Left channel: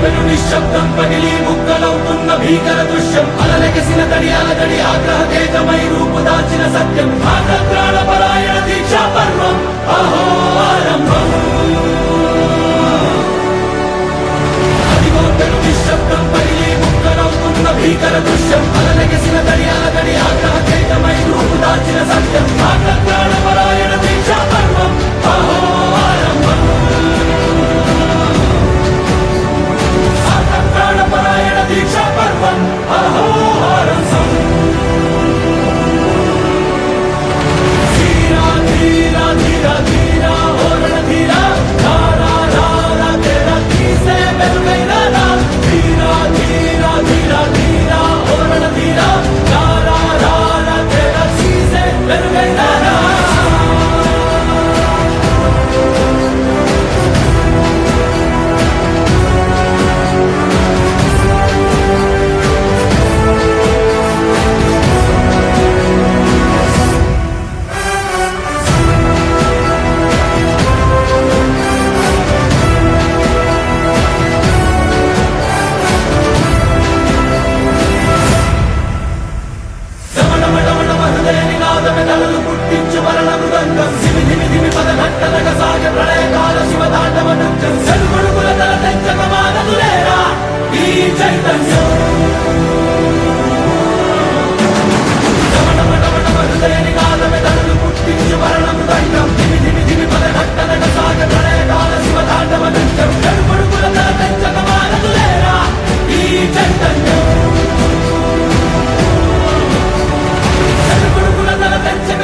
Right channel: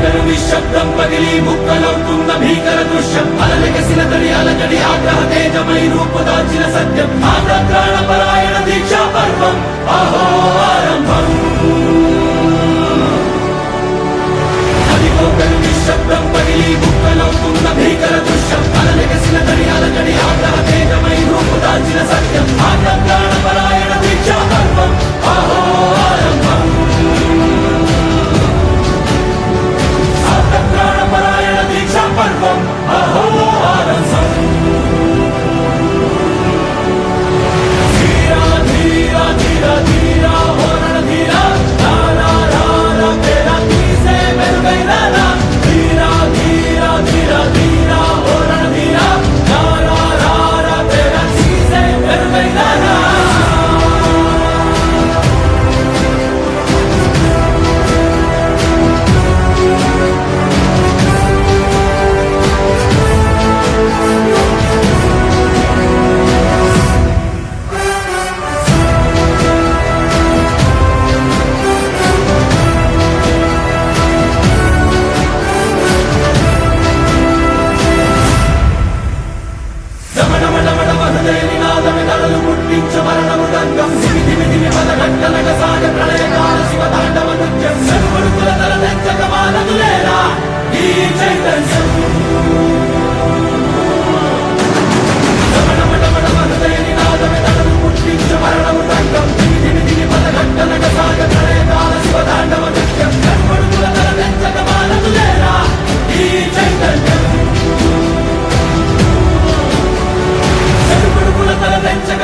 పెను నిశ్శబ్దం పగిలి ముక్కలవుతున్న భీకర దృశ్యం అలలెగసిన తడి అలజడి ఆగ్రహ తేజమై రూపుదాల్చిన సత్యం ఆగ్రహ పరాయణ దీక్షా పర్వం అహో ఆరంభం అదిగో పెను నిశ్శబ్దం పగిలి ముక్కలవుతున్న భీకర దృశ్యం అలలెగసిన తడి అలజడి ఆగ్రహ తేజమై రూపుదాల్చిన సత్యం ఆగ్రహ పరాయణ దీక్షా పర్వం అహో ఆరంభం ప్రాణపరాయణ దీక్షా పర్వం అహోహారంభం ధీరా ధీరా ధీరా ధీరా ఓరణ ధీరా రారా రారా తేరా తీసే మెరుగైన ధీరా ధీరా ధీరా ధీరా ఓరణ ధీరా రారా రారా తేరా తీసే మెరుగైన నినాదమెదలు పుట్టించు మరణ మృదంగం ధిమి ధిమి ధిమి పదఘట్టనక సాగ ప్రళయకాల శివ తాండవ నృత్యం చెరుపడుకుల తల తెంచక మానదులేరా ఈ చైతన్యం నినాదమెదలు పుట్టించు మరణ మృదంగం ధిమి ధిమి ధిమి పదఘట్టనక సాగ ప్రళయకాల శివ తాండవ నృత్యం చెరుపడుకుల తల తెంచక మానదులేరా ఈ చైతన్యం చెరుపడుకుల తల తెంచక